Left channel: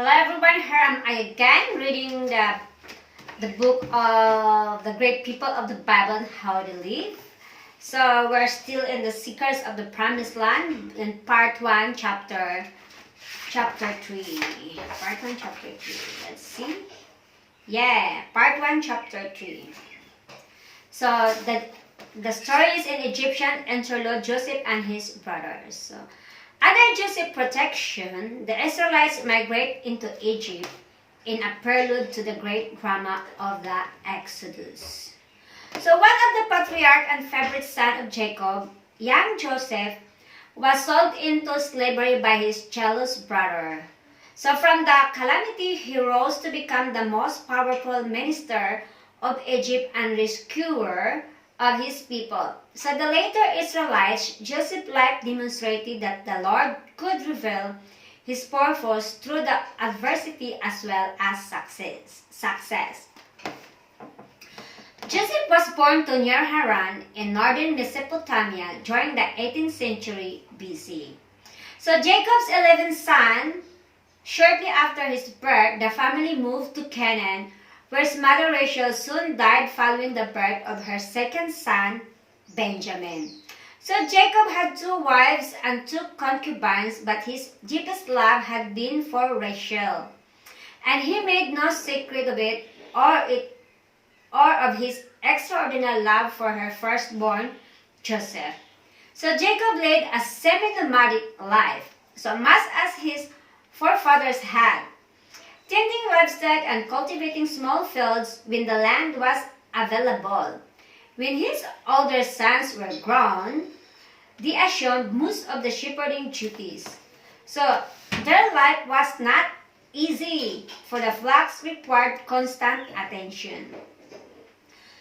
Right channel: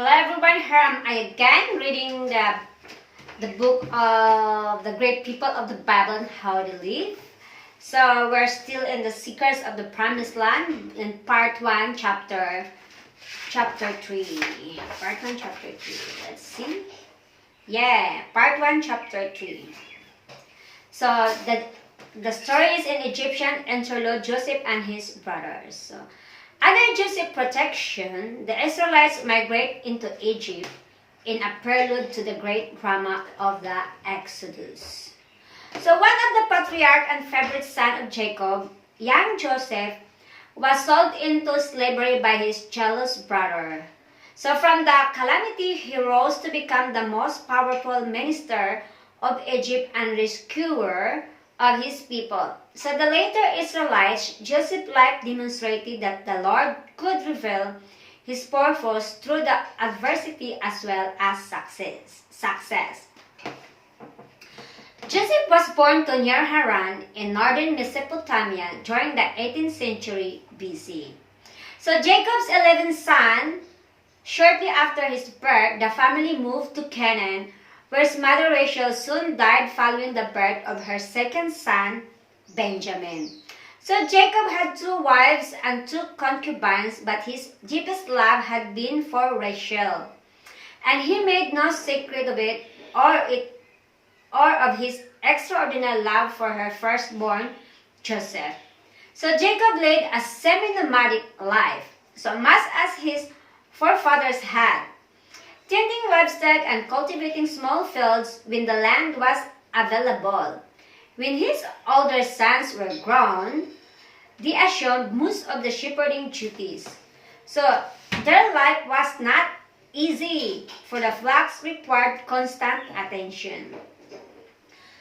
Hello everyone, here am I again reading the book of the great people of the Bible and how they live. So we're still in the Seekers of the Promised Land in part 1, chapter 3. Part 1, chapter 3. Let's see. Yeah, part 1, chapter 3. So the story is in Egyptian Interlude, Joseph and his brothers. So, under Joseph's protection, the Israelites migrate into Egypt in a prelude to the great drama of the Exodus. So one of the patriarch and favorite son of Jacob, young Joseph, was sold into slavery by his jealous brother. So from the calamity, he rose to become the most powerful minister of Egypt and rescuer of his people. So the later Israelites, Joseph's life demonstrated that the Lord could reveal his purpose through the adversity as well as success. Joseph was born to near Haran in northern Mesopotamia during the 18th century BC. So Jacob's 11th son, shortly after his birth, the family moved to Canaan, where his mother Rachel soon died following the birth of her second son, Benjamin. So Jacob had 2 wives and 2 concubines, but his deepest love had been for Rachel, and he made no secret of it or of his extraordinary love for her firstborn, Joseph. So Jacob led a semi-nomadic life, so much as his forefathers had, tending livestock and cultivating small fields when the land was available. When his older sons were grown, they assumed most of the shepherding duties. So their life was not easy, for the flocks required constant attention.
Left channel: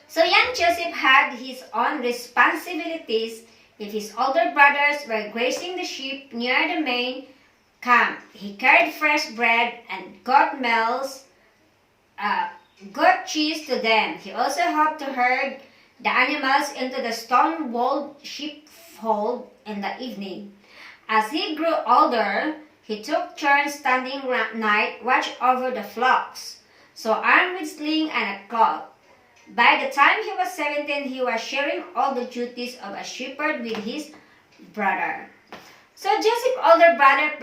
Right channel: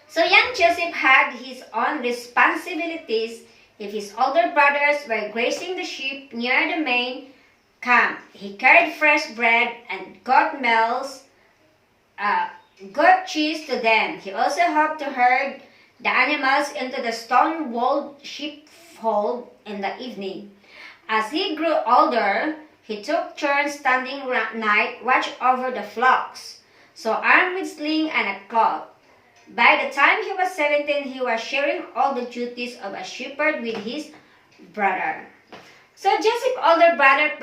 So young Joseph had his own responsibilities. If his older brothers were grazing the sheep near the main camp, he carried fresh bread and goat cheese to them. He also helped to herd the animals into the stone-walled sheepfold in the evening. As he grew older, he took turns standing night watch over the flocks, so armed with sling and a club. By the time he was 17, he was sharing all the duties of a shepherd with his brother. So Joseph's older brother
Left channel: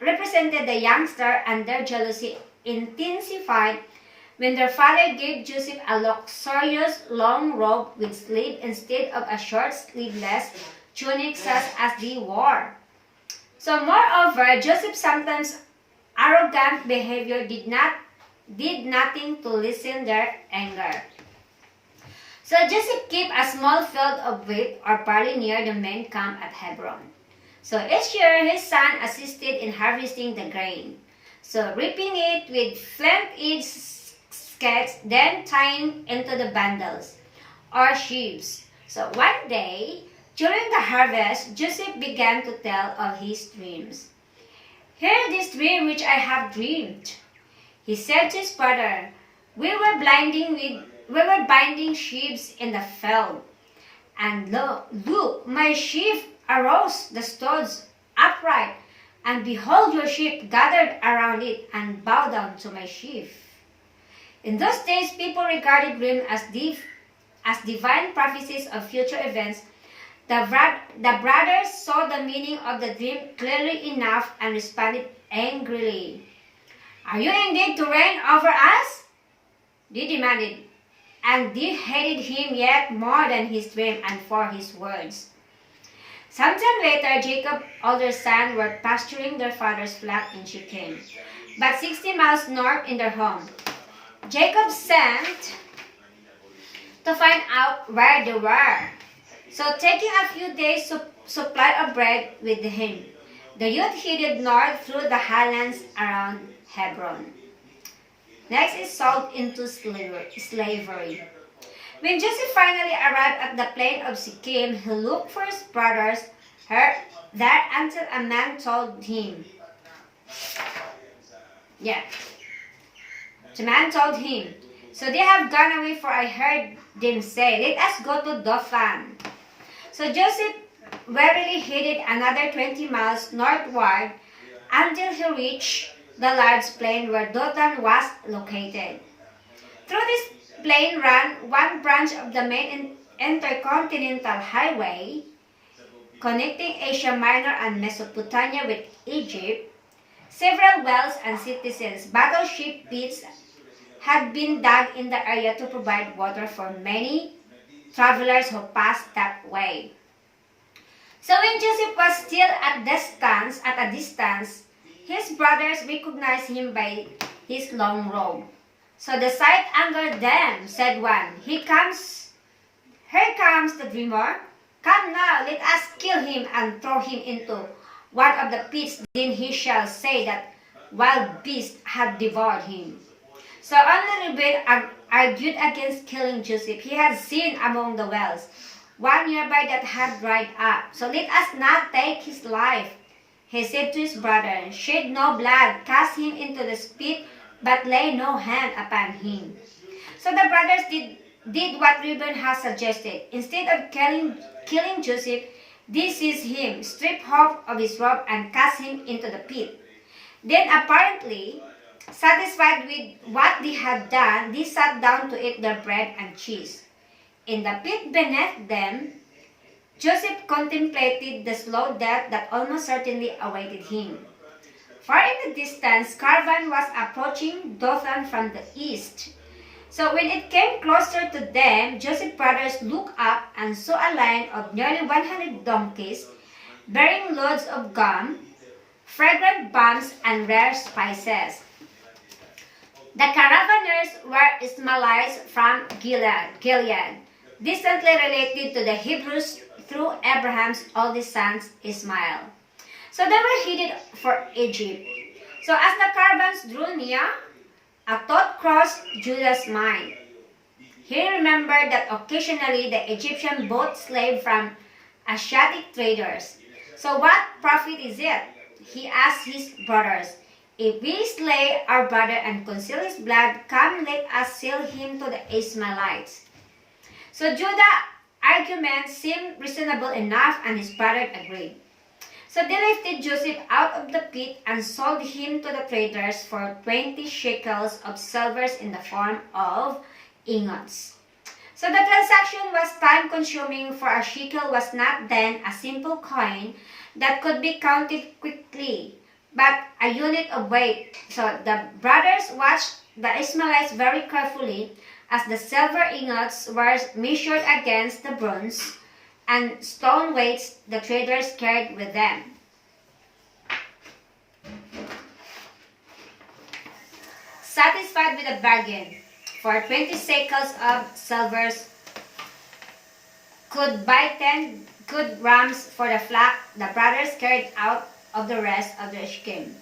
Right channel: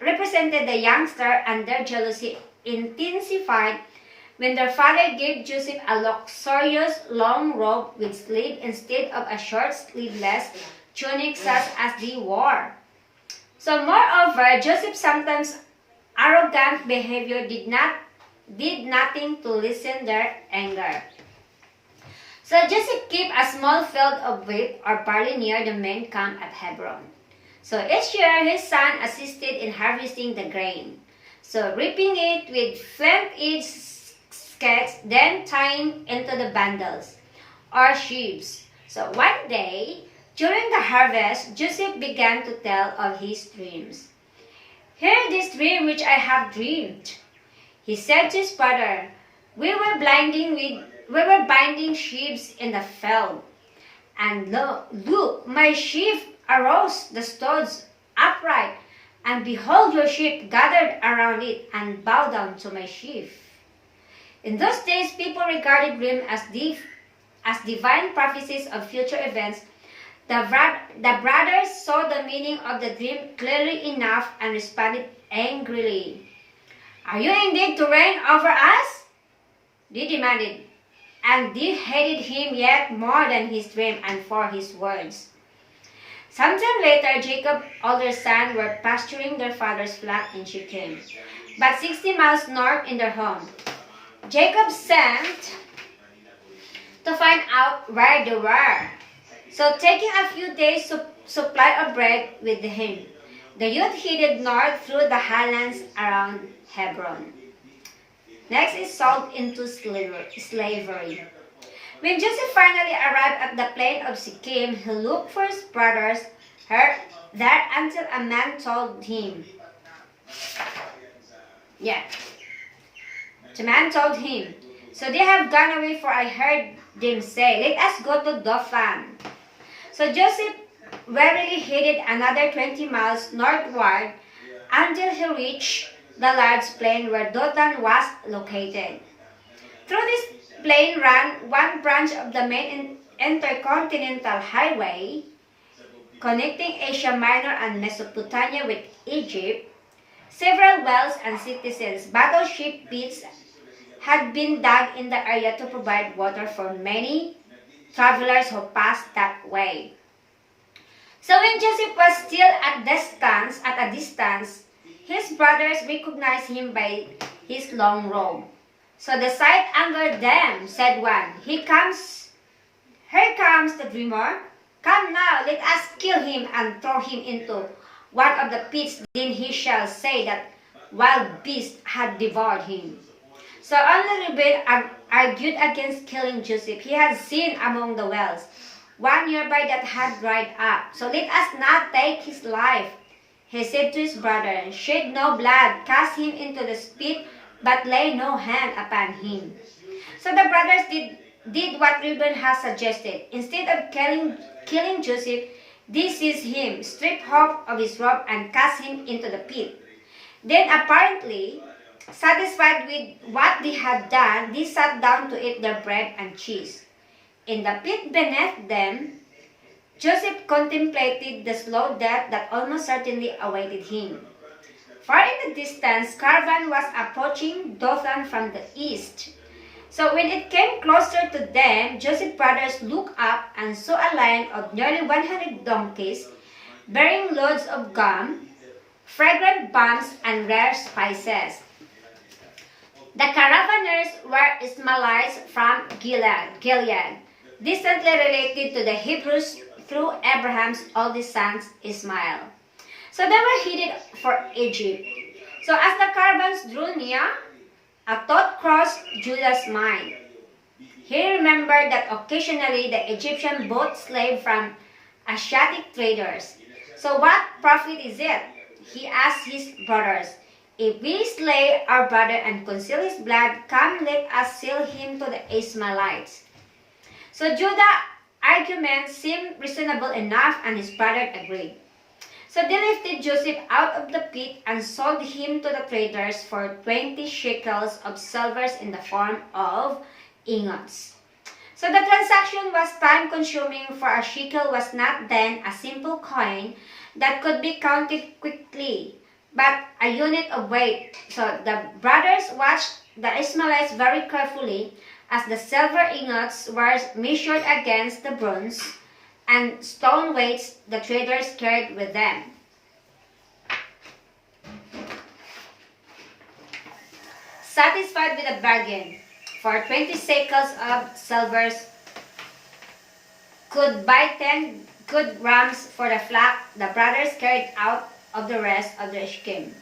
represented the youngster, and their jealousy intensified when their father gave Joseph a luxurious long robe with sleeve instead of a short sleeveless tunic such as they wore. So moreover, Joseph's sometimes arrogant behavior did nothing to lessen their anger. So Joseph kept a small field of wheat or barley near the main camp at Hebron. So each year his son assisted in harvesting the grain, so reaping it with flint-edged scythes, then tying into the bundles or sheaves. So one day, during the harvest, Joseph began to tell of his dreams. "Hear this dream which I have dreamed," he said to his brother. We were binding sheaves in the field, and look, my sheaf arose the stones upright, and behold, your sheep gathered around it and bowed down to my sheaf. In those days, people regarded dreams as divine prophecies of future events. The brothers saw the meaning of the dream clearly enough and responded angrily. "Are you indeed to reign over us?" they demanded, and they hated him yet more than his dream and for his words. Sometime later, Jacob's older sons were pasturing their father's flock in Shechem, but 60 miles north in their home. Jacob sent to find out where they were, so taking a few days' supply of bread with him, the youth headed north through the highlands around Hebron. Next is sold into slavery. When Joseph finally arrived at the plain of Shechem, he looked for his brothers there until a man told him. The man told him, "So they have gone away, for I heard them say, 'Let us go to Dothan.'" So Joseph warily headed another 20 miles northward until he reached the large plain where Dothan was located. Through this plain ran one branch of the main intercontinental highway connecting Asia Minor and Mesopotamia with Egypt. Several wells and citizens' battleship pits had been dug in the area to provide water for many travelers who passed that way. So when Joseph was still at a distance, his brothers recognized him by his long robe. So the sight angered them, said one. Here comes the dreamer. Come now, let us kill him and throw him into one of the pits. Then he shall say that wild beasts had devoured him. So only Reuben argued against killing Joseph. He had seen among the wells one nearby that had dried up. So let us not take his life. He said to his brother, shed no blood, cast him into the pit, but lay no hand upon him. So the brothers did what Reuben had suggested. Instead of killing Joseph, they seized him, stripped off of his robe, and cast him into the pit. Then apparently, satisfied with what they had done, they sat down to eat their bread and cheese. In the pit beneath them, Joseph contemplated the slow death that almost certainly awaited him. Far in the distance, caravan was approaching Dothan from the east. So when it came closer to them, Joseph's brothers looked up and saw a line of nearly 100 donkeys bearing loads of gum, fragrant balms, and rare spices. The caravanners were Ishmaelites from Gilead, distantly related to the Hebrews through Abraham's oldest son Ishmael. So they were headed for Egypt. So as the caravans drew near, a thought crossed Judah's mind. He remembered that occasionally the Egyptians bought slaves from Asiatic traders. So what profit is it? He asked his brothers. If we slay our brother and conceal his blood, come let us sell him to the Ishmaelites. So Judah's argument seemed reasonable enough, and his brother agreed. So they lifted Joseph out of the pit and sold him to the traders for 20 shekels of silver in the form of ingots. So the transaction was time-consuming, for a shekel was not then a simple coin that could be counted quickly, but a unit of weight. So the brothers watched the Ishmaelites very carefully as the silver ingots were measured against the bronze and stone weights the traders carried with them. Satisfied with a bargain, for 20 shekels of silver could buy 10 good rams for the flock, the brothers carried out of the rest of the scheme.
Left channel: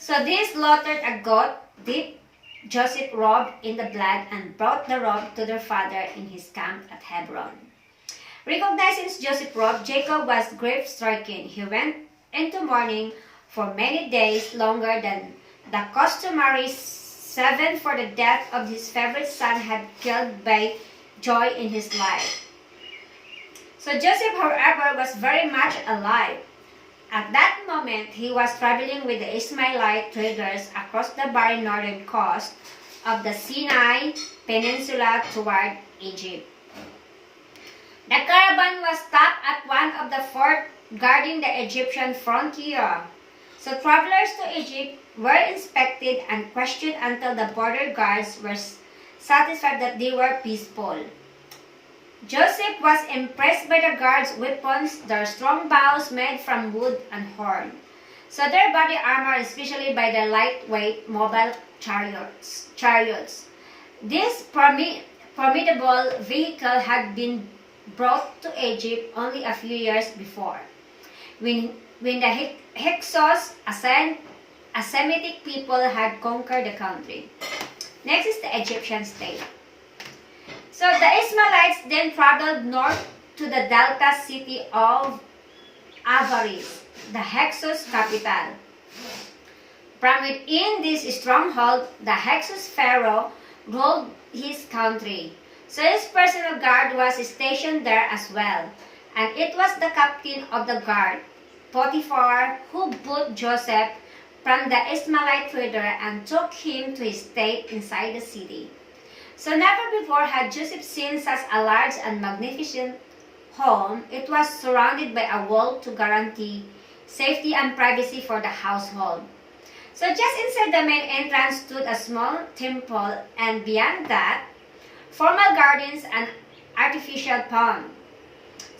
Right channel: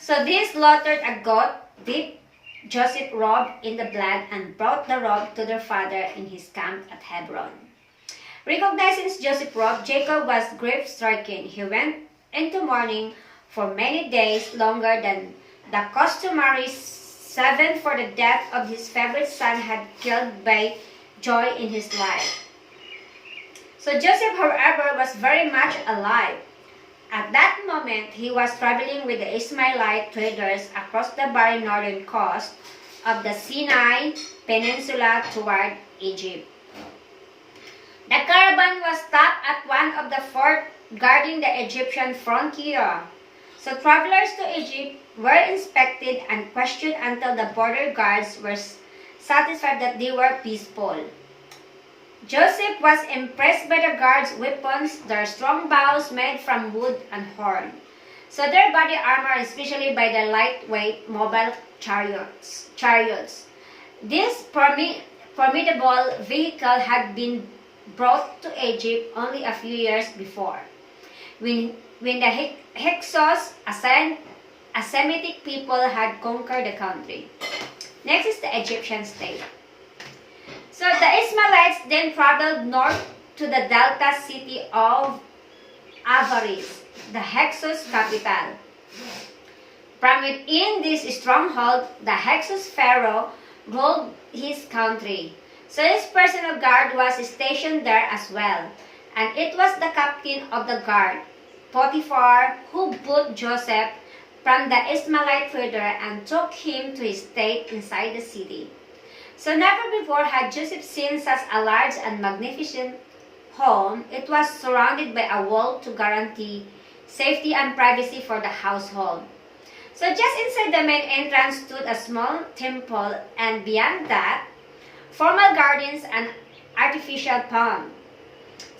So they slaughtered a goat, dipped Joseph's robe in the blood, and brought the robe to their father in his camp at Hebron. Recognizing Joseph's robe, Jacob was grief-stricken. He went into mourning for many days, longer than the customary 7, for the death of his favorite son had killed by joy in his life. So Joseph, however, was very much alive. At that moment, he was traveling with the Ishmaelite traders across the barren northern coast of the Sinai Peninsula toward Egypt. The caravan was stopped at one of the forts guarding the Egyptian frontier. So travelers to Egypt were inspected and questioned until the border guards were satisfied that they were peaceful. Joseph was impressed by the guards' weapons, their strong bows made from wood and horn. So their body armor, especially by the lightweight mobile chariots. This formidable vehicle had been brought to Egypt only a few years before, when the Hyksos, a Semitic people, had conquered the country. Next is the Egyptian state. So the Ishmaelites then traveled north to the delta city of Avaris, the Hyksos capital. From within this stronghold, the Hyksos pharaoh ruled his country. So his personal guard was stationed there as well, and it was the captain of the guard, Potiphar, who put Joseph from the Ishmaelite trader and took him to his state inside the city. So never before had Joseph seen such a large and magnificent home. It was surrounded by a wall to guarantee safety and privacy for the household. So just inside the main entrance stood a small temple, and beyond that, formal gardens and artificial pond.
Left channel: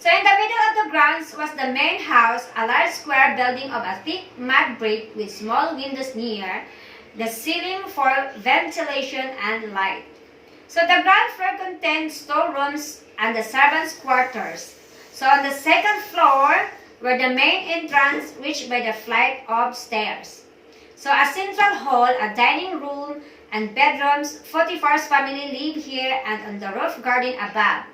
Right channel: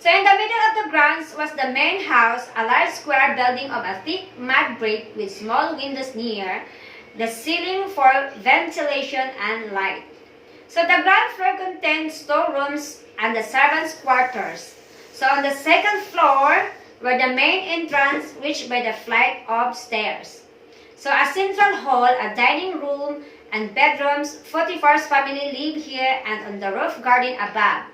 So in the middle of the grounds was the main house, a large square building of a thick mud brick with small windows near the ceiling for ventilation and light. So the ground floor contained storerooms and the servants' quarters. So on the second floor were the main entrance reached by the flight of stairs. So a central hall, a dining room, and bedrooms. Potiphar's family lived here and on the roof garden above.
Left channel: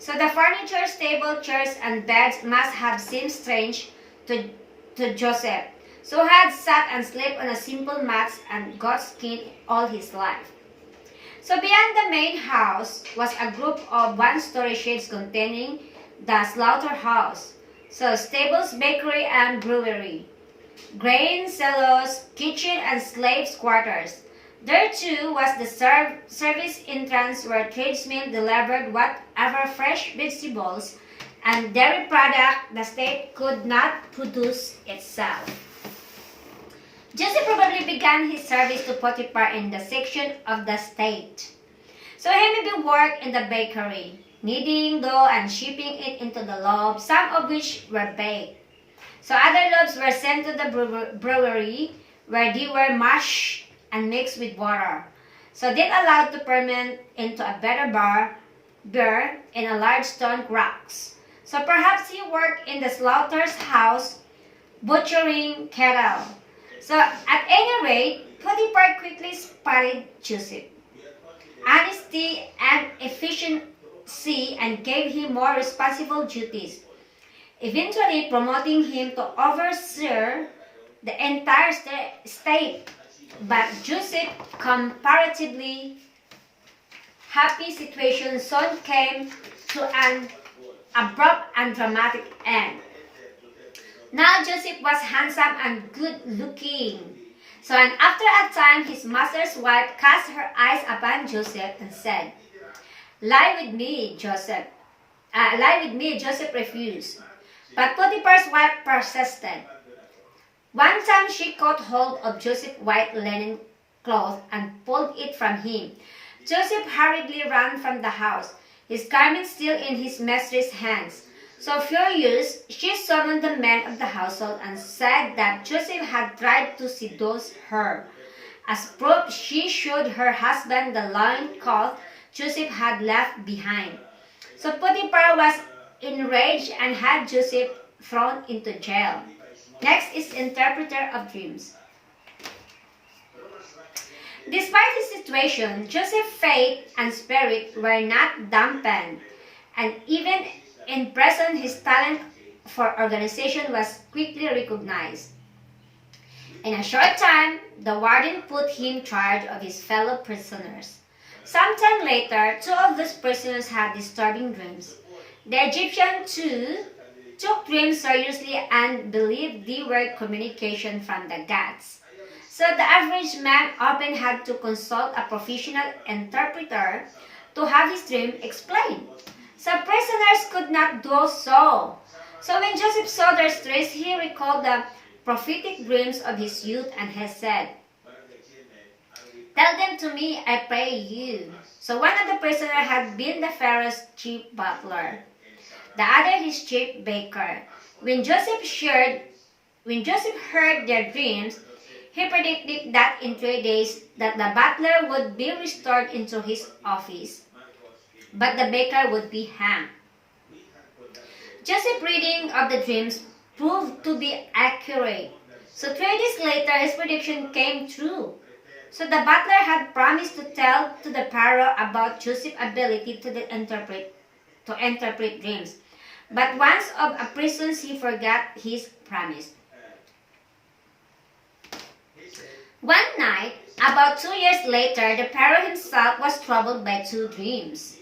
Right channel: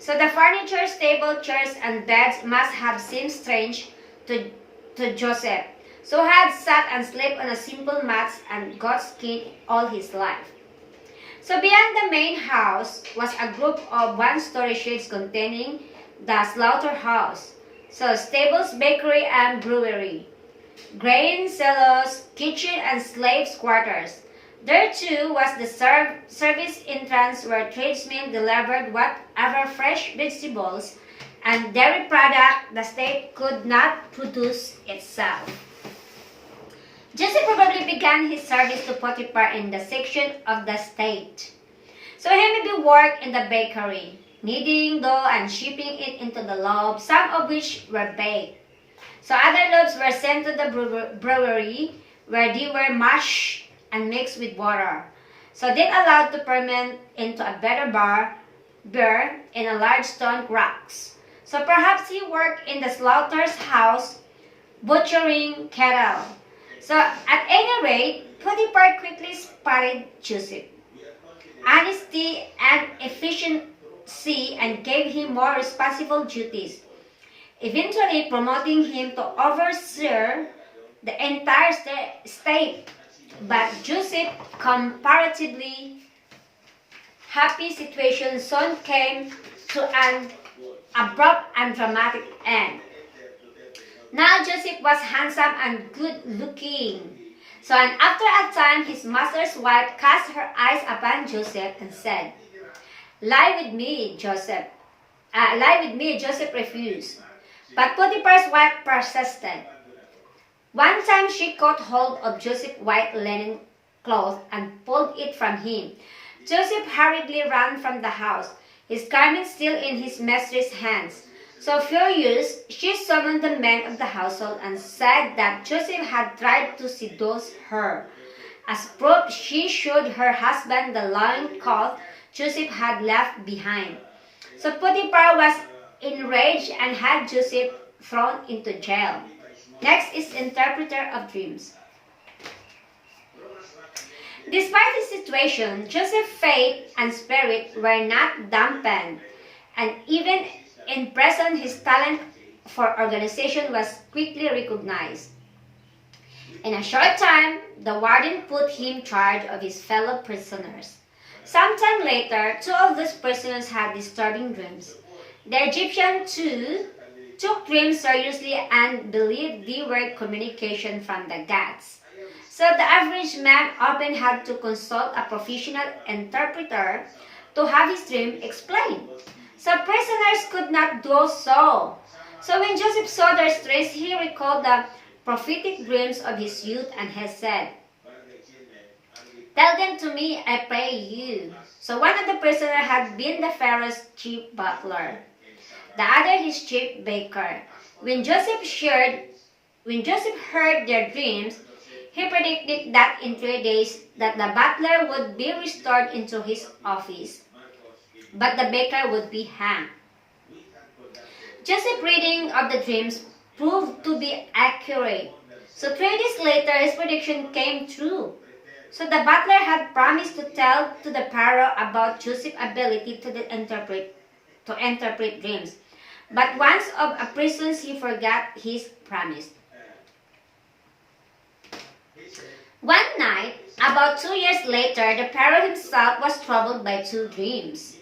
So the furniture, table, chairs, and beds must have seemed strange to Joseph, so had sat and slept on a simple mats and goat skin all his life. So beyond the main house was a group of one-story sheds containing the slaughterhouse, so stables, bakery, and brewery, grain silos, kitchen, and slaves' quarters. There too was the service entrance where tradesmen delivered whatever fresh vegetables and dairy product the state could not produce itself. Joseph probably began his service to Potiphar in the section of the state. So he maybe worked in the bakery, kneading dough and shipping it into the loaves, some of which were baked. So other loaves were sent to the brewery where they were mashed and mixed with water, so then allowed to ferment into a better beer in a large stone rocks. So perhaps he worked in the slaughter's house, butchering cattle. So at any rate, Potiphar quickly spotted Joseph, honesty and efficiency, and gave him more responsible duties, eventually promoting him to overseer the entire state. But Joseph's comparatively happy situation soon came to an abrupt and dramatic end. Now Joseph was handsome and good-looking. So and after a time his master's wife cast her eyes upon Joseph and said, "Lie with me, Joseph." Joseph refused. But Potiphar's wife persisted. One time she caught hold of Joseph's white linen cloth and pulled it from him. Joseph hurriedly ran from the house, his garment still in his mistress' hands. So furious, she summoned the men of the household and said that Joseph had tried to seduce her. As proof, she showed her husband the loincloth Joseph had left behind. So Potiphar was enraged and had Joseph thrown into jail. Next is interpreter of dreams. Despite his situation, Joseph's faith and spirit were not dampened, and even in prison his talent for organization was quickly recognized. In a short time, the warden put him in charge of his fellow prisoners. Sometime later, two of these prisoners had disturbing dreams. The Egyptian too took dreams seriously and believed they were communication from the gods. So the average man often had to consult a professional interpreter to have his dream explained. So prisoners could not do so. So when Joseph saw their stress, he recalled the prophetic dreams of his youth and has said, "Tell them to me, I pray you." So one of the prisoners had been the Pharaoh's chief butler, the other his chief baker. When Joseph heard their dreams, he predicted that in 3 days that the butler would be restored into his office, but the baker would be hanged. Joseph's reading of the dreams proved to be accurate. So 3 days later, his prediction came true. So the butler had promised to tell to the Pharaoh about Joseph's ability to interpret dreams. But once of a prison, he forgot his promise. One night, about 2 years later, the Pharaoh himself was troubled by 2 dreams.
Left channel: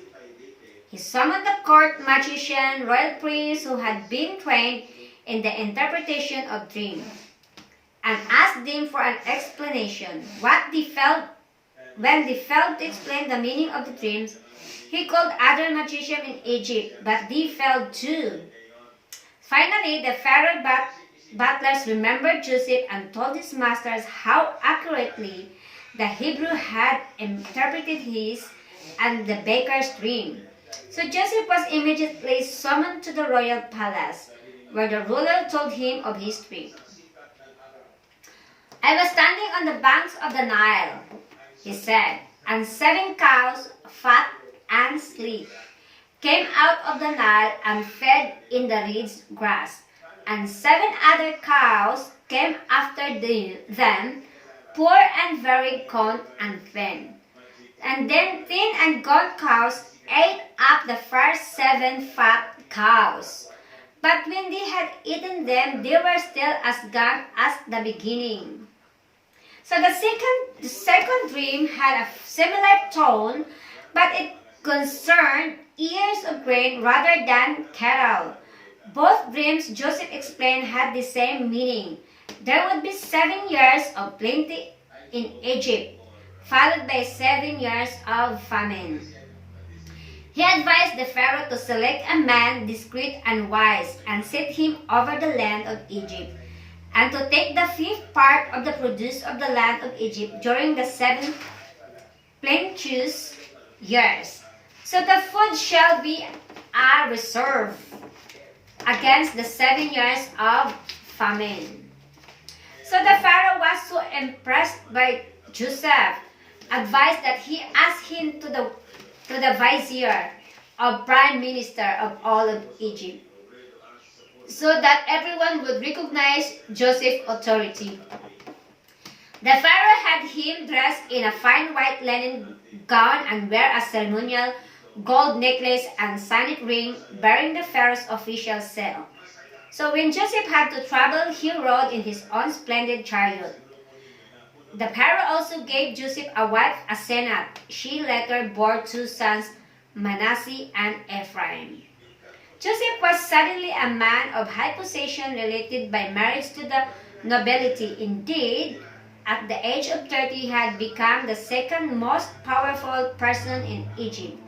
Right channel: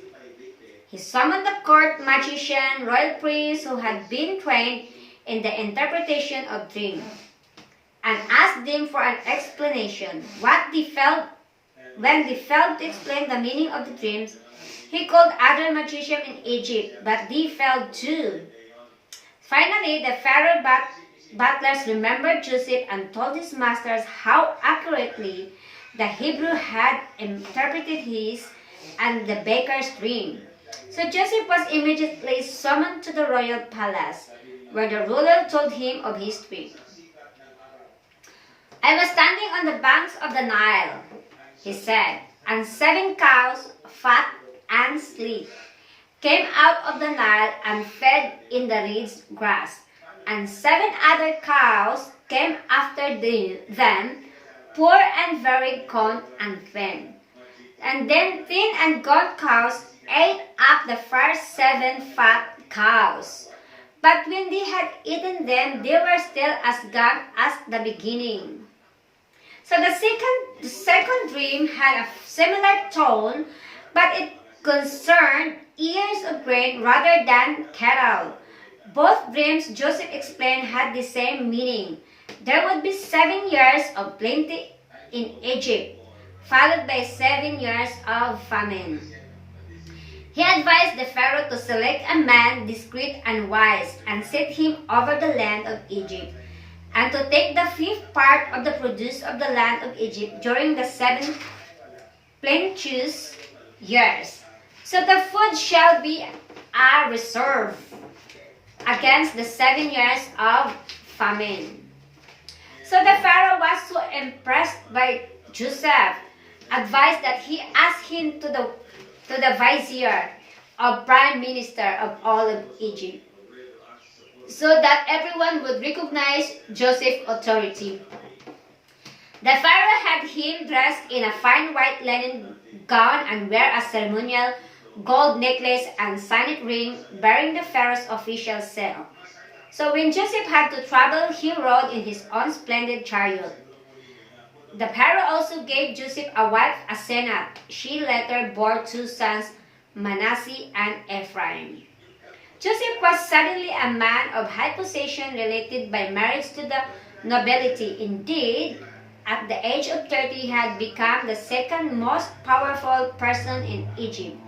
He summoned the court magician, royal priest who had been trained in the interpretation of dreams. and asked them for an explanation. When they failed to explain the meaning of the dreams, he called other magicians in Egypt, but they failed too. Finally, the Pharaoh butlers remembered Joseph and told his masters how accurately the Hebrew had interpreted his and the baker's dream. So Joseph was immediately summoned to the royal palace, where the ruler told him of his dream. I was standing on the banks of the Nile, he said, and 7 cows, fat and sleek, came out of the Nile and fed in the reeds grass, and 7 other cows came after them, poor and very gaunt and thin. And then thin and gaunt cows ate up the first 7 fat cows. But when they had eaten them, they were still as gaunt as the beginning. So the second dream had a similar tone, but it concerned ears of grain rather than cattle. Both dreams, Joseph explained, had the same meaning. There would be 7 years of plenty in Egypt, followed by 7 years of famine. He advised the Pharaoh to select a man discreet and wise and set him over the land of Egypt, and to take the 5th part of the produce of the land of Egypt during the 7 plenteous years. So the food shall be a reserve against the 7 years of famine. So the Pharaoh was so impressed by Joseph, advised that he ask him to the vizier or prime minister of all of Egypt, so that everyone would recognize Joseph's authority. The Pharaoh had him dressed in a fine white linen gown and wear a ceremonial gold necklace and signet ring bearing the Pharaoh's official seal. So when Joseph had to travel, he rode in his own splendid chariot. The Pharaoh also gave Joseph a wife, Asenath. She later bore 2 sons, Manasseh and Ephraim. Joseph was suddenly a man of high position related by marriage to the nobility. Indeed, at the age of 30, he had become the second most powerful person in Egypt.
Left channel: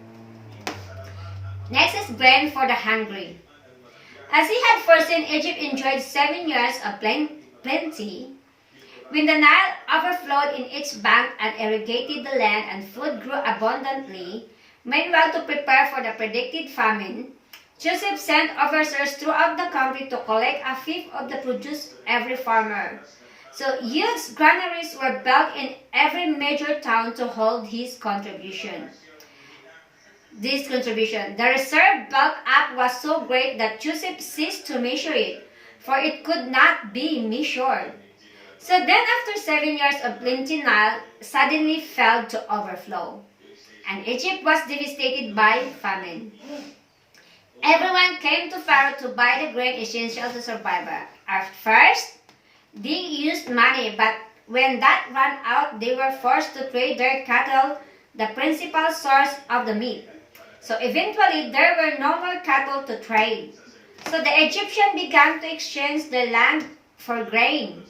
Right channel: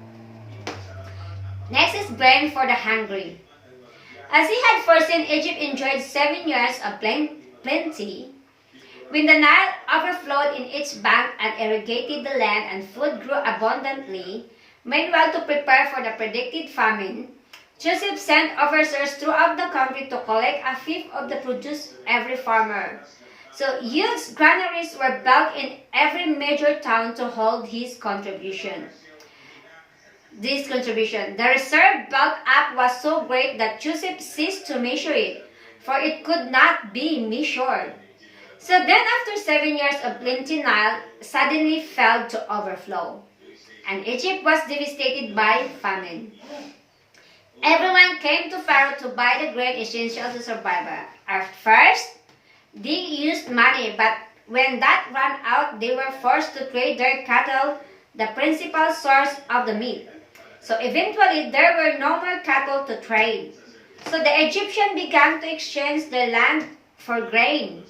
Next is grain for the hungry. As he had foreseen, Egypt enjoyed 7 years of plenty. When the Nile overflowed in its bank and irrigated the land and food grew abundantly, meanwhile to prepare for the predicted famine, Joseph sent overseers throughout the country to collect a 5th of the produce every farmer. So huge granaries were built in every major town to hold his contribution. The reserve built up was so great that Joseph ceased to measure it, for it could not be measured. So then after 7 years of plenty, Nile suddenly fell to overflow, and Egypt was devastated by famine. Everyone came to Pharaoh to buy the grain essential to survive. At first, they used money, but when that ran out, they were forced to trade their cattle, the principal source of the meat. So eventually, there were no more cattle to trade. So the Egyptians began to exchange their land for grain.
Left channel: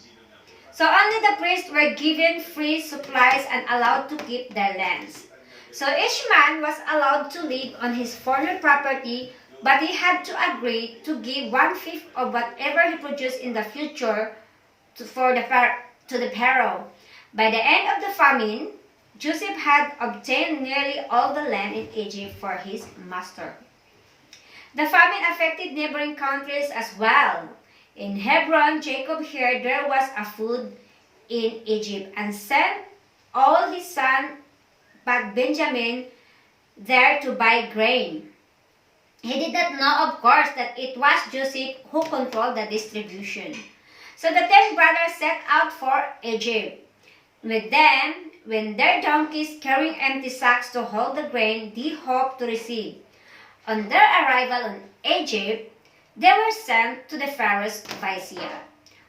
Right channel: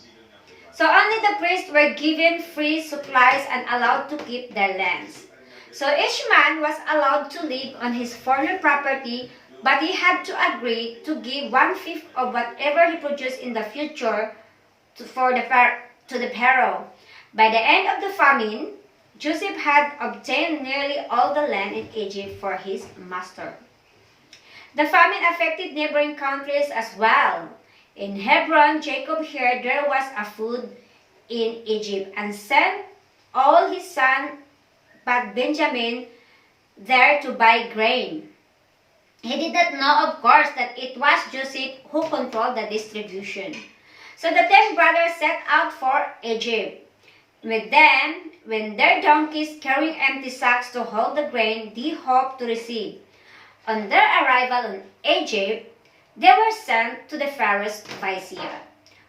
So only the priests were given free supplies and allowed to keep their lands. So each man was allowed to live on his former property, but he had to agree to give 1/5 of whatever he produced in the future to the Pharaoh. By the end of the famine, Joseph had obtained nearly all the land in Egypt for his master. The famine affected neighboring countries as well. In Hebron, Jacob heard there was a food in Egypt and sent all his sons but Benjamin there to buy grain. He did not know, of course, that it was Joseph who controlled the distribution. So the 10 brothers set out for Egypt. With them, when their donkeys carrying empty sacks to hold the grain they hoped to receive. On their arrival in Egypt, they were sent to the Pharaoh's vizier,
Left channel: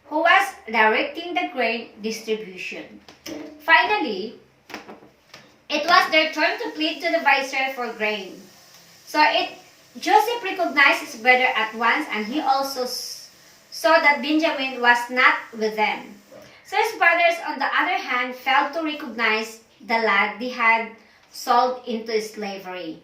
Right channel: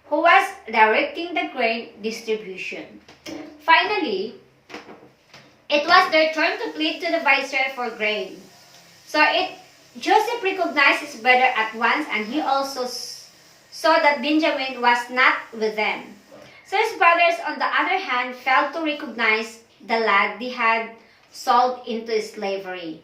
who was directing the grain distribution. Finally, it was their turn to plead to the vizier for grain. So Joseph recognized his brother at once, and he also saw that Benjamin was not with them. So his brothers, on the other hand, failed to recognize the lad they had sold into slavery.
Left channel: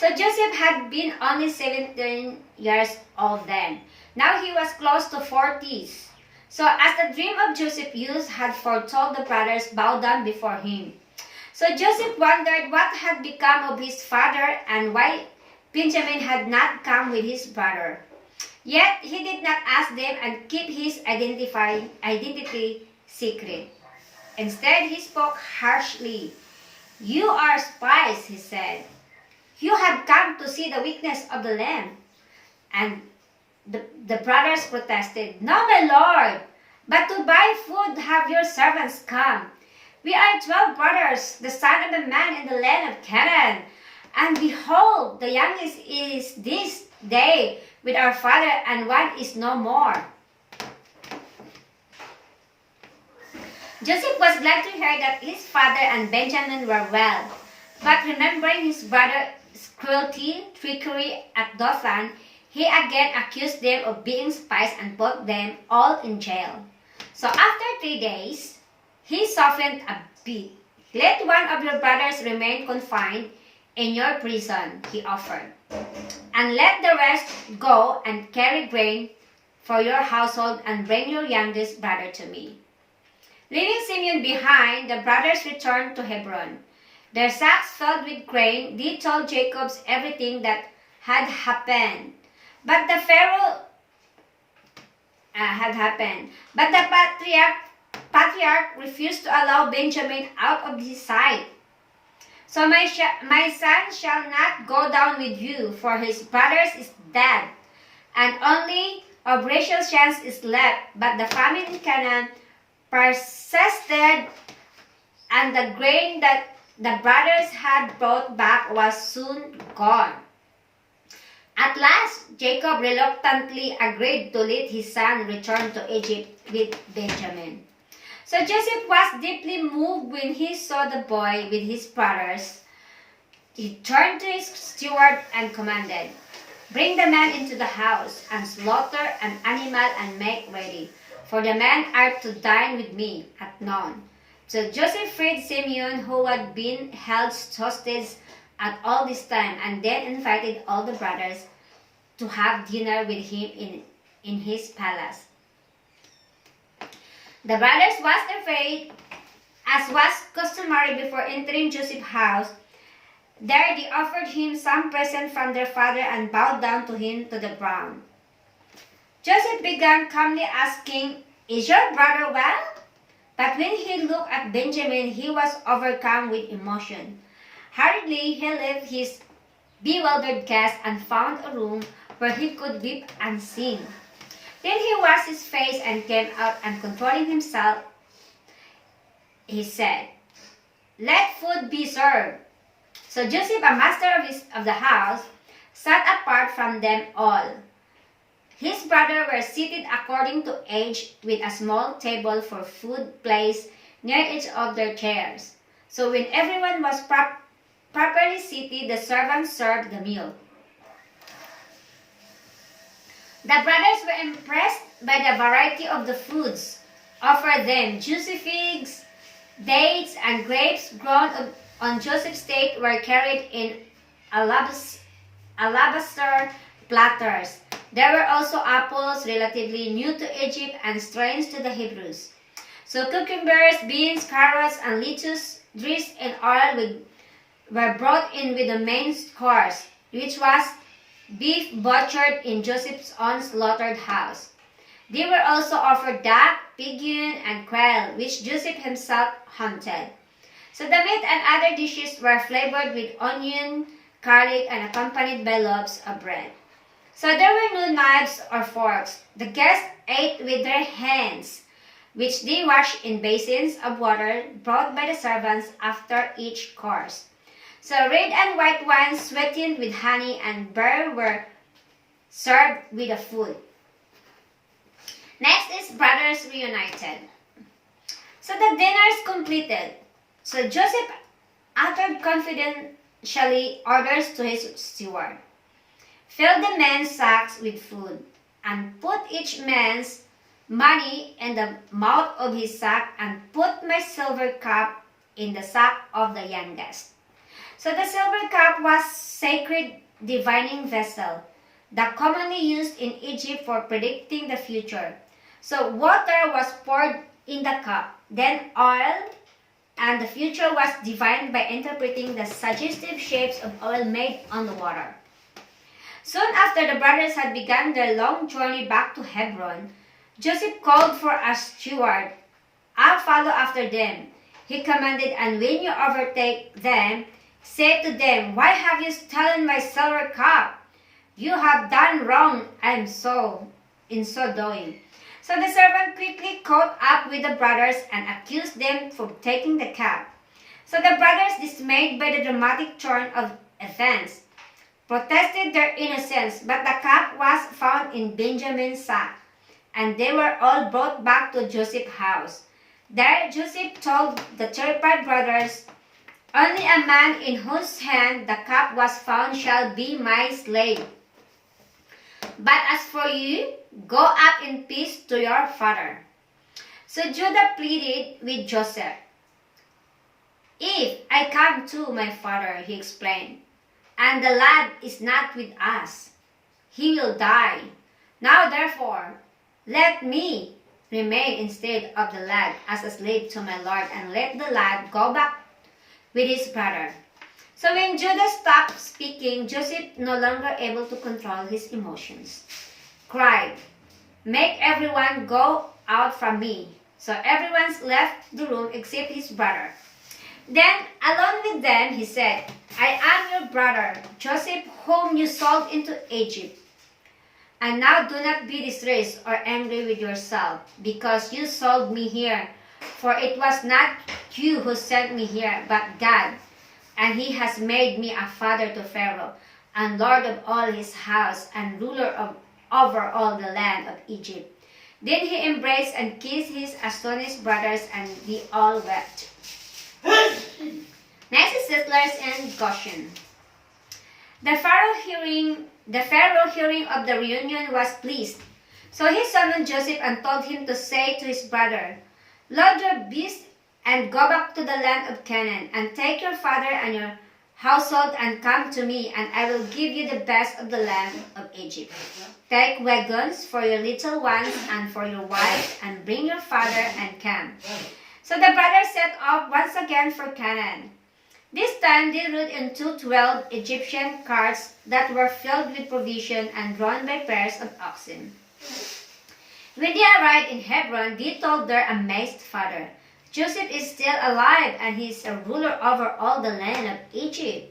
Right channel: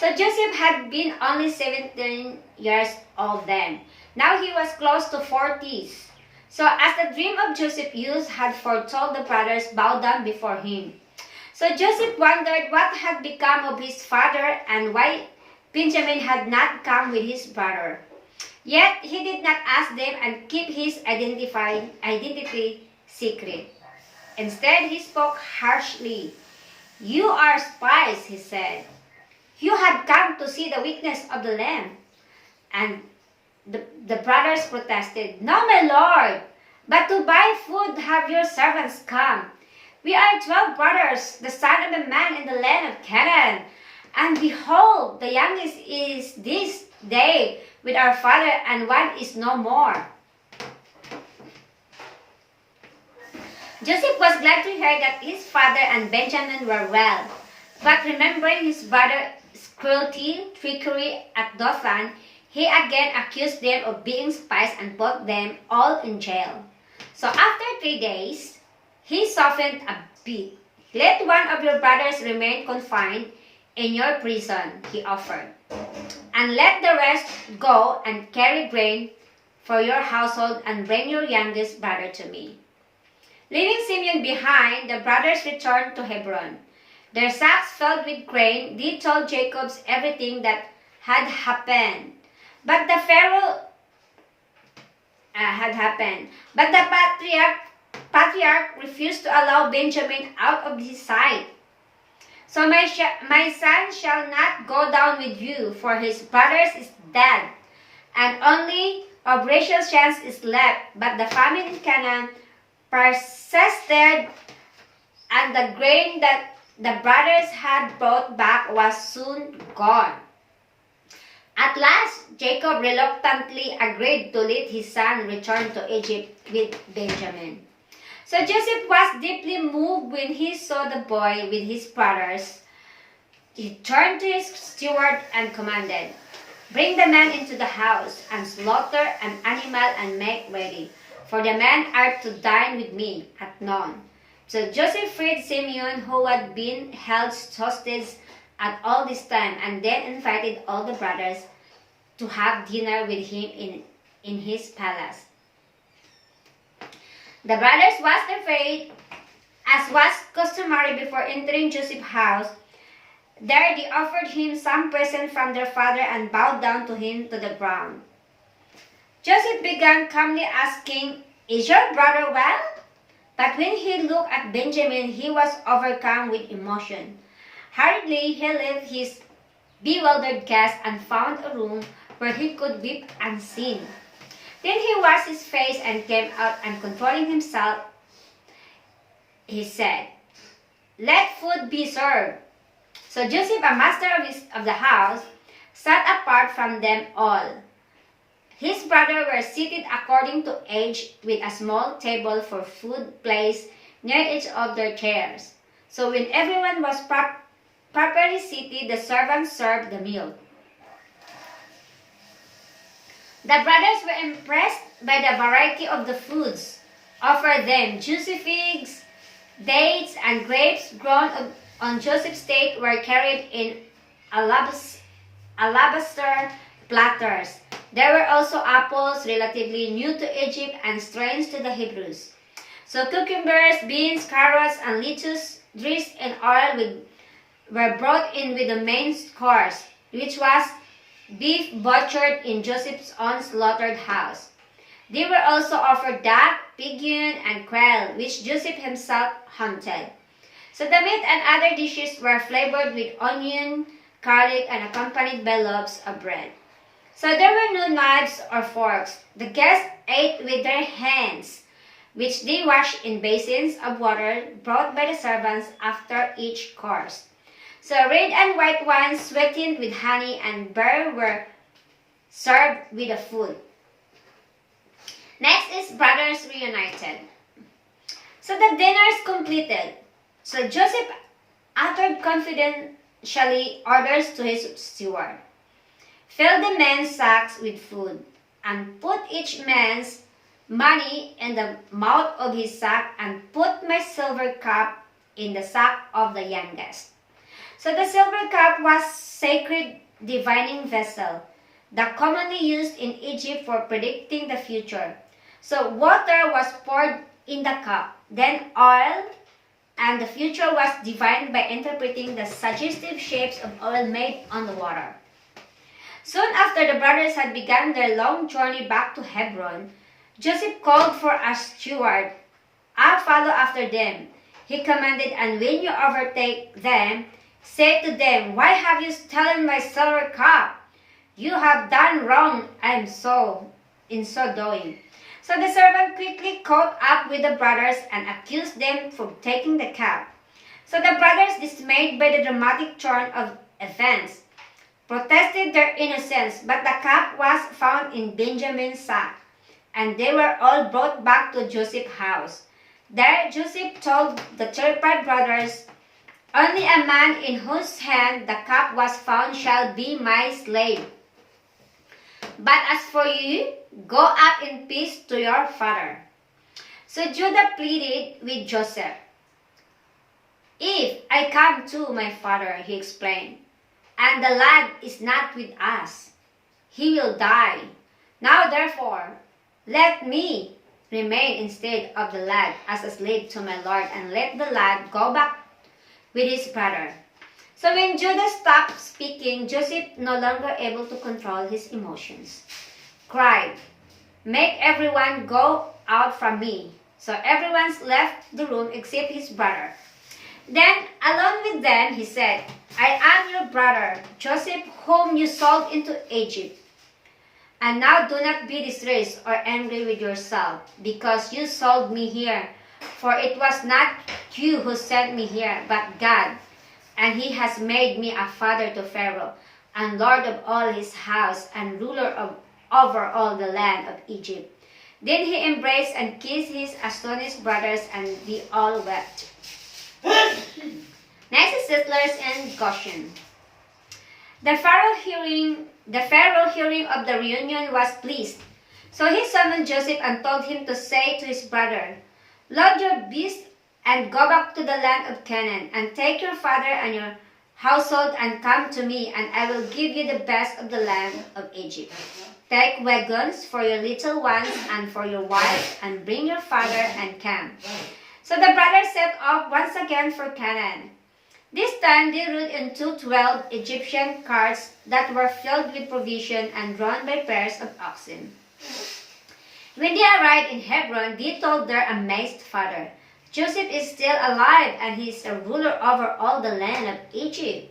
So Joseph had been only 17 years old then. Now he was close to 40s. So as the dream of Joseph's youth had foretold, the brothers bowed down before him. So Joseph wondered what had become of his father and why Benjamin had not come with his brother. Yet he did not ask them and keep his identity secret. Instead, he spoke harshly. "You are spies," he said. "You have come to see the weakness of the land." And the brothers protested, "No, my lord, but to buy food have your servants come. We are 12 brothers, the son of a man in the land of Canaan. And behold, the youngest is this day with our father, and one is no more." Joseph was glad to hear that his father and Benjamin were well. But remembering his brother's cruelty, trickery at Dothan, he again accused them of being spies and put them all in jail. So after 3 days, he softened a bit. "Let one of your brothers remain confined in your prison," he offered, "and let the rest go and carry grain for your household and bring your youngest brother to me." Leaving Simeon behind, the brothers returned to Hebron. Their sacks filled with grain, they told Jacob everything that had happened. But the patriarch refused to allow Benjamin out of his sight. "So my son shall not go down with you, for his brothers is dead, and only of Rachel's chance is left." But the famine in Canaan persisted, and the grain that the brothers had brought back was soon gone. At last, Jacob reluctantly agreed to let his son return to Egypt with Benjamin. So Joseph was deeply moved when he saw the boy with his brothers. He turned to his steward and commanded, "Bring the men into the house, and slaughter an animal and make ready, for the men are to dine with me at noon." So Joseph freed Simeon, who had been held hostage at all this time, and then invited all the brothers to have dinner with him in his palace. The brothers was afraid, as was customary before entering Joseph's house. There they offered him some present from their father and bowed down to him to the ground. Joseph began calmly asking, "Is your brother well?" But when he looked at Benjamin, he was overcome with emotion. Hurriedly, he left his bewildered guest and found a room where he could weep unseen. Then he washed his face and came out, and controlling himself, he said, "Let food be served." So Joseph, a master of the house, sat apart from them all. His brothers were seated according to age, with a small table for food placed near each of their chairs. So when everyone was properly seated, the servants served the meal. The brothers were impressed by the variety of the foods offered them. Juicy figs, dates, and grapes grown on Joseph's estate were carried in alabaster platters. There were also apples, relatively new to Egypt and strange to the Hebrews. So cucumbers, beans, carrots, and lettuce dressed in oil were brought in with the main course, which was beef butchered in Joseph's own slaughtered house. They were also offered duck, pigeon, and quail, which Joseph himself hunted. So the meat and other dishes were flavored with onion, garlic, and accompanied by loaves of bread. So there were no knives or forks. The guests ate with their hands, which they washed in basins of water brought by the servants after each course. So red and white wine sweetened with honey and beer were served with the food. Next is Brothers Reunited. So the dinner is completed. So Joseph uttered confidentially orders to his steward. "Fill the men's sacks with food, and put each man's money in the mouth of his sack and put my silver cup in the sack of the youngest. So the silver cup was sacred divining vessel that commonly used in Egypt for predicting the future. So water was poured in the cup, then oil, and the future was divined by interpreting the suggestive shapes of oil made on the water. Soon after the brothers had begun their long journey back to Hebron, Joseph called for a steward. "I'll follow after them," he commanded, "and when you overtake them, say to them, 'Why have you stolen my silver cup? You have done wrong in so doing.'" So the servant quickly caught up with the brothers and accused them for taking the cup. So the brothers, dismayed by the dramatic turn of events, protested their innocence, but the cup was found in Benjamin's sack, and they were all brought back to Joseph's house. There Joseph told the terrified brothers, "Only a man in whose hand the cup was found shall be my slave. But as for you, go up in peace to your father." So Judah pleaded with Joseph. "If I come to my father," he explained, "and the lad is not with us, he will die. Now therefore, let me remain instead of the lad as a slave to my lord, and let the lad go back with his brother." So when Judah stopped speaking, Joseph, no longer able to control his emotions, cried, "Make everyone go out from me." So everyone left the room except his brother. Then, alone with them, he said, "I am your brother, Joseph, whom you sold into Egypt. And now do not be distressed or angry with yourself, because you sold me here. For it was not you who sent me here, but God. And he has made me a father to Pharaoh, and lord of all his house, and ruler over all the land of Egypt." Then he embraced and kissed his astonished brothers, and they all wept. Next is settlers in Goshen. The Pharaoh hearing of the reunion was pleased. So he summoned Joseph and told him to say to his brother, "Load your beasts and go back to the land of Canaan, and take your father and your household and come to me, and I will give you the best of the land of Egypt. Take wagons for your little ones and for your wives, and bring your father and come." So the brothers set off once again for Canaan. This time they rode into 12 Egyptian carts that were filled with provision and drawn by pairs of oxen. When they arrived in Hebron, they told their amazed father, "Joseph is still alive, and he is a ruler over all the land of Egypt."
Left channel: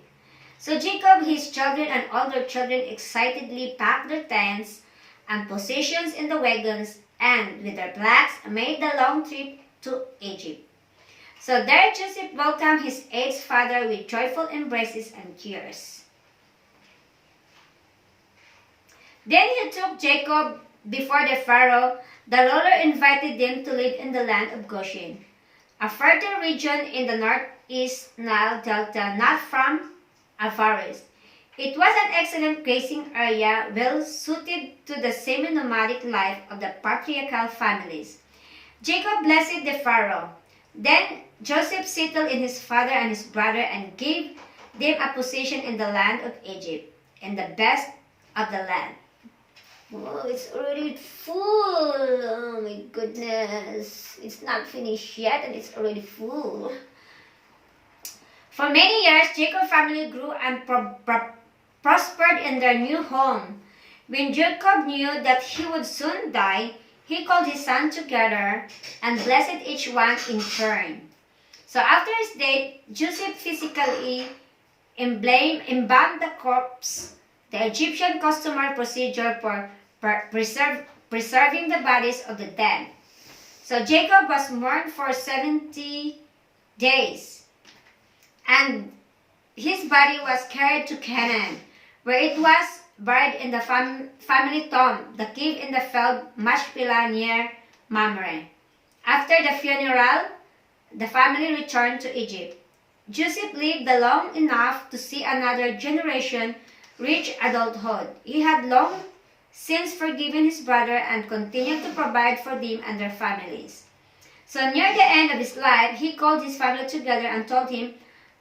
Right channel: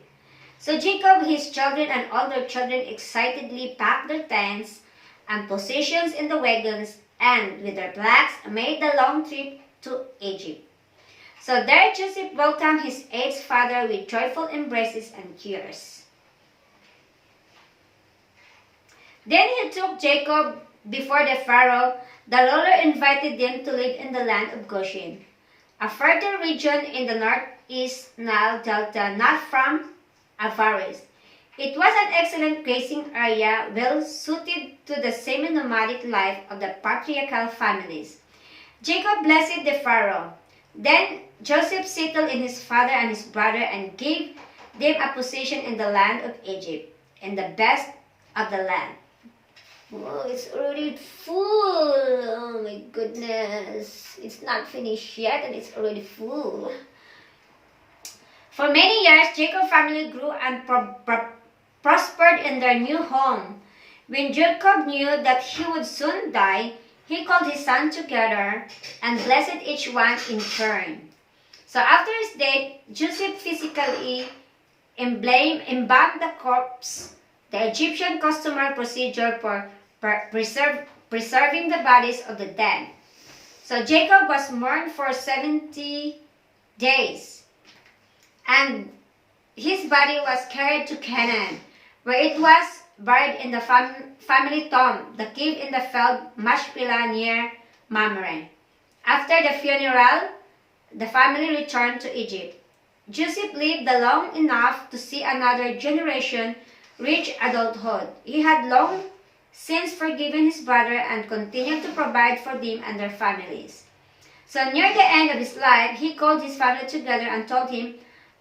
So Jacob, his children, and all their children excitedly packed their tents and possessions in the wagons, and with their blacks made the long trip to Egypt. So there Joseph welcomed his aged father with joyful embraces and tears. Then he took Jacob before the Pharaoh. The ruler invited them to live in the land of Goshen, a fertile region in the northeast Nile Delta, not from avarice. It was an excellent grazing area, well suited to the semi-nomadic life of the patriarchal families. Jacob blessed the Pharaoh. Then Joseph settled in his father and his brother and gave them a position in the land of Egypt, in the best of the land. Oh, it's already full. Oh my goodness. It's not finished yet and it's already full. For many years, Jacob's family grew and prospered in their new home. When Jacob knew that he would soon die, he called his sons together and blessed each one in turn. So after his death, Joseph physically embalmed the corpse, the Egyptian customary procedure for preserving the bodies of the dead. So Jacob was mourned for 70 days, and his body was carried to Canaan, where it was buried in the family tomb, the cave in the field Machpelah near Mamre. After the funeral, the family returned to Egypt. Joseph lived long enough to see another generation reach adulthood. He had long since forgiven his brother and continued to provide for them and their families. So near the end of his life, he called his family together and told him,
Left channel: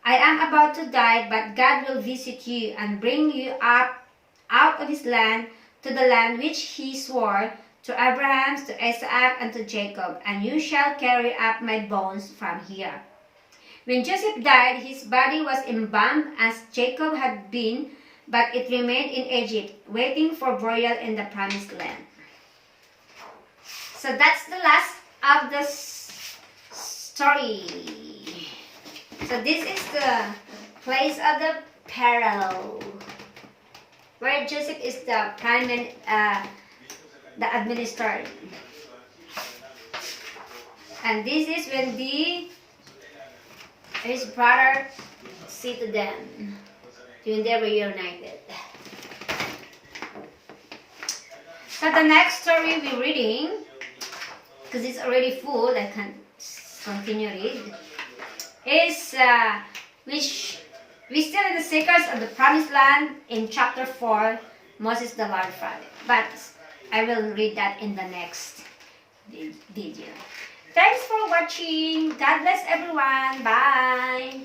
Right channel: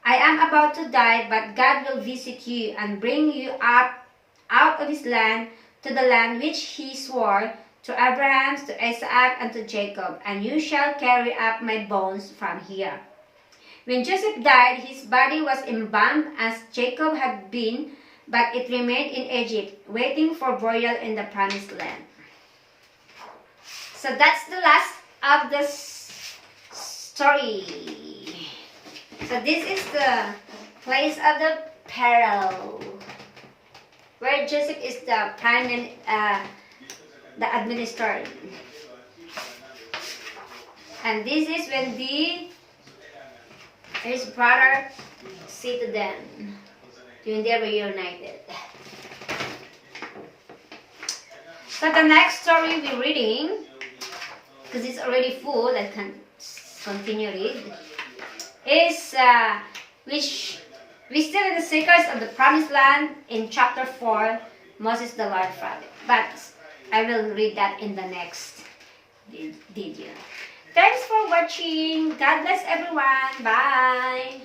I am about to die, but God will visit you and bring you up out of his land to the land which he swore to Abraham, to Isaac, and to Jacob, and you shall carry up my bones from here. When Joseph died, his body was embalmed as Jacob had been, but it remained in Egypt, waiting for burial in the promised land. So that's the last of the story. So this is the place of the peril, where Joseph is the the administrator. And this is when his brother said to them, when they were reunited. So the next story we're reading, because it's already full, I can continue read, is which we still in the secrets of the promised land in chapter 4, Moses the Lord Father. But I will read that in the next video. Thanks for watching. God bless everyone. Bye.